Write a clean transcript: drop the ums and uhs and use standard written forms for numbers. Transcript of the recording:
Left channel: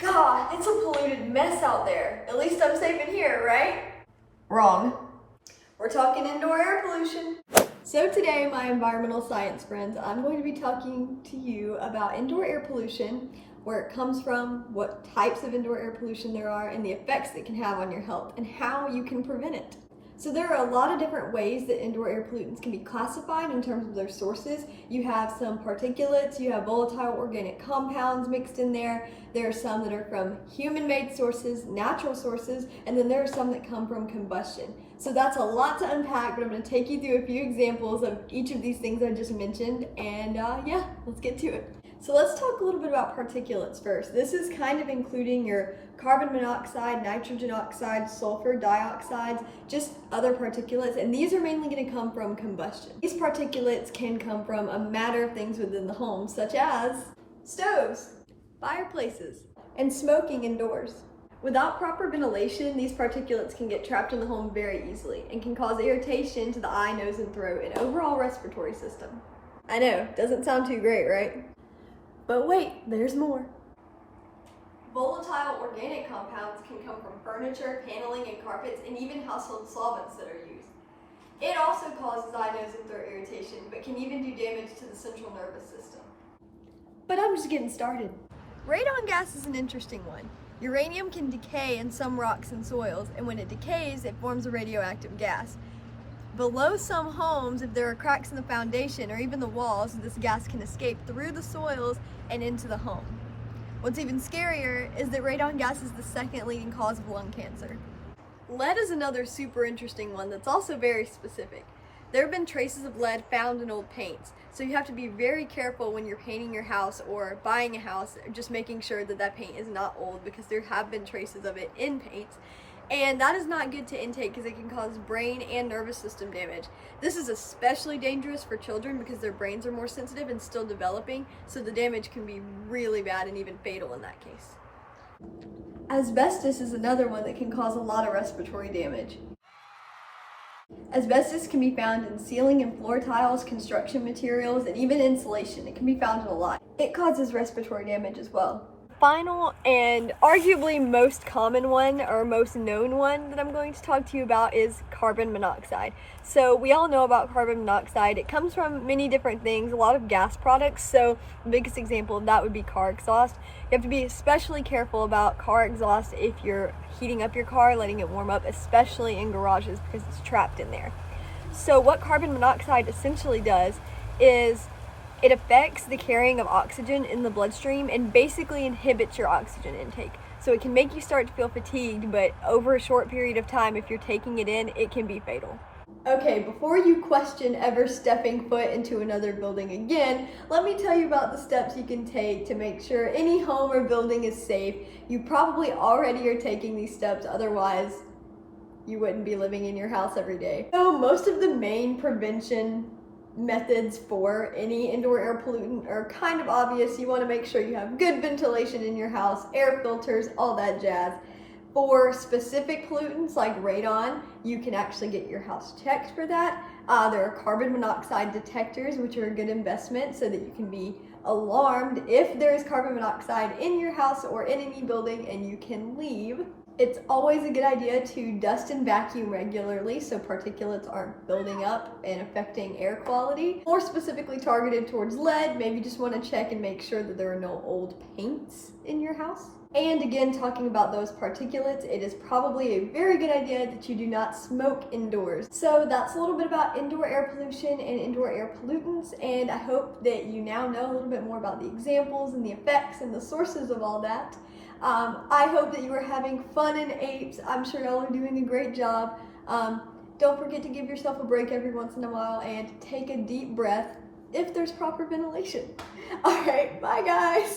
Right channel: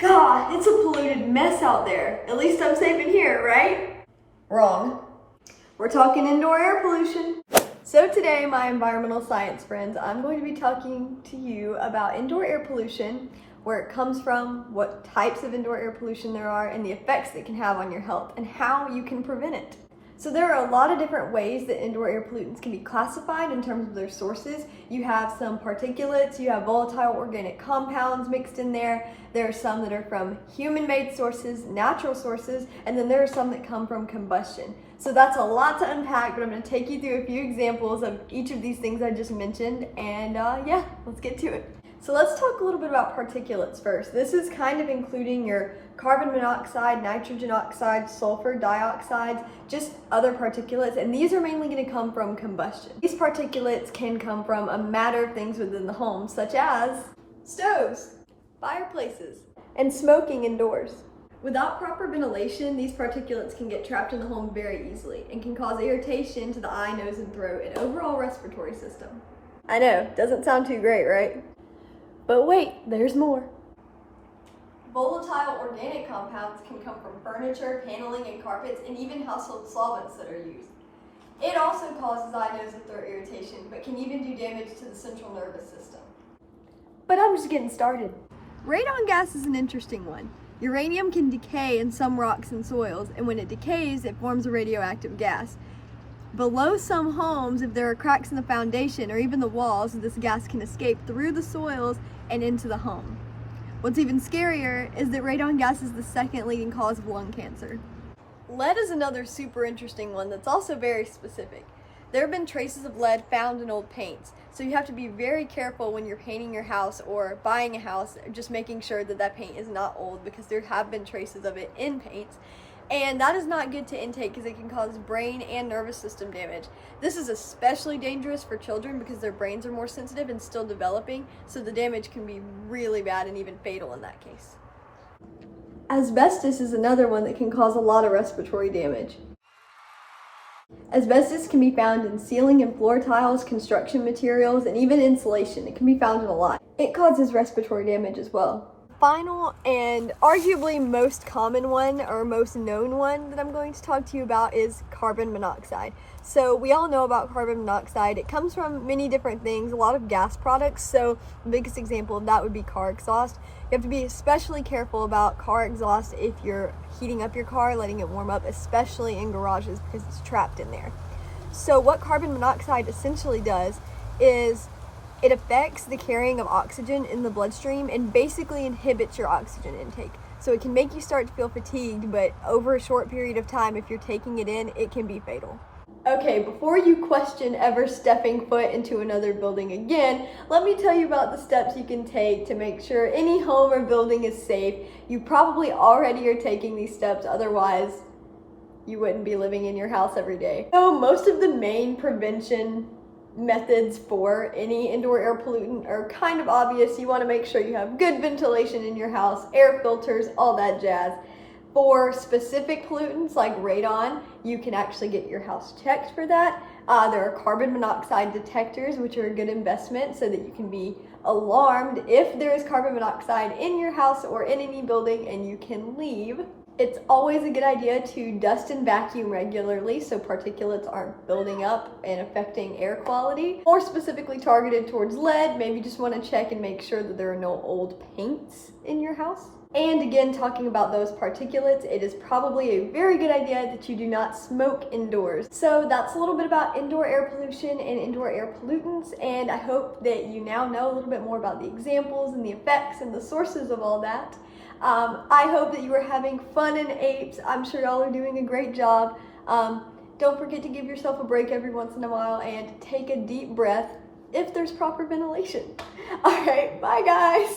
God, it's a polluted mess out there. At least I'm safe in here, right? Wrong. We're talking indoor air pollution. So today, my environmental science friends, I'm going to be talking to you about indoor air pollution, where it comes from, what types of indoor air pollution there are, and the effects it can have on your health, and how you can prevent it. So there are a lot of different ways that indoor air pollutants can be classified in terms of their sources. You have some particulates, you have volatile organic compounds mixed in there. There are some that are from human-made sources, natural sources, and then there are some that come from combustion. So that's a lot to unpack, but I'm going to take you through a few examples of each of these things I just mentioned, and yeah, let's get to it. So let's talk a little bit about particulates first. This is kind of including your carbon monoxide, nitrogen oxide, sulfur dioxides, just other particulates, and these are mainly going to come from combustion. These particulates can come from a matter of things within the home, such as stoves, fireplaces, and smoking indoors. Without proper ventilation, these particulates can get trapped in the home very easily and can cause irritation to the eye, nose, and throat, and overall respiratory system. I know, doesn't sound too great, right? But wait, there's more. Volatile organic compounds can come from furniture, paneling, and carpets, and even household solvents that are used. It also causes eye, nose, and throat irritation, but can even do damage to the central nervous system. But I'm just getting started. Radon gas is an interesting one. Uranium can decay in some rocks and soils, and when it decays, it forms a radioactive gas. Below some homes, if there are cracks in the foundation or even the walls, this gas can escape through the soils and into the home. What's even scarier is that radon gas is the second leading cause of lung cancer. Lead is another super interesting one that's also very specific. There have been traces of lead found in old paints, so you have to be very careful when you're painting your house or buying a house, just making sure that that paint is not old, because there have been traces of it in paints. And that is not good to intake because it can cause brain and nervous system damage. This is especially dangerous for children because their brains are more sensitive and still developing, so the damage can be really bad and even fatal in that case. Asbestos is another one that can cause a lot of respiratory damage. Asbestos can be found in ceiling and floor tiles, construction materials, and even insulation. It can be found in a lot. It causes respiratory damage as well. Final and arguably most common one, or most known one, that I'm going to talk to you about is carbon monoxide. So we all know about carbon monoxide. It comes from many different things, a lot of gas products. So the biggest example of that would be car exhaust. You have to be especially careful about car exhaust if you're heating up your car, letting it warm up, especially in garages because it's trapped in there. So what carbon monoxide essentially does is it affects the carrying of oxygen in the bloodstream and basically inhibits your oxygen intake. So it can make you start to feel fatigued, but over a short period of time, if you're taking it in, it can be fatal. Okay, before you question ever stepping foot into another building again, let me tell you about the steps you can take to make sure any home or building is safe. You probably already are taking these steps, otherwise you wouldn't be living in your house every day. So most of the main prevention methods for any indoor air pollutant are kind of obvious. You want to make sure you have good ventilation in your house, air filters, all that jazz. For specific pollutants like radon, you can actually get your house checked for that. There are carbon monoxide detectors, which are a good investment so that you can be alarmed if there is carbon monoxide in your house or in any building and you can leave. It's always a good idea to dust and vacuum regularly so particulates aren't building up and affecting air quality. More specifically targeted towards lead, maybe just want to check and make sure that there are no old paints in your house. And again, talking about those particulates, it is probably a very good idea that you do not smoke indoors. So that's a little bit about indoor air pollution and indoor air pollutants, and I hope that you now know a little bit more about the examples and the effects and the sources of all that. I hope that you are having fun in apes. I'm sure y'all are doing a great job. Don't forget to give yourself a break every once in a while and take a deep breath if there's proper ventilation. All right, bye guys.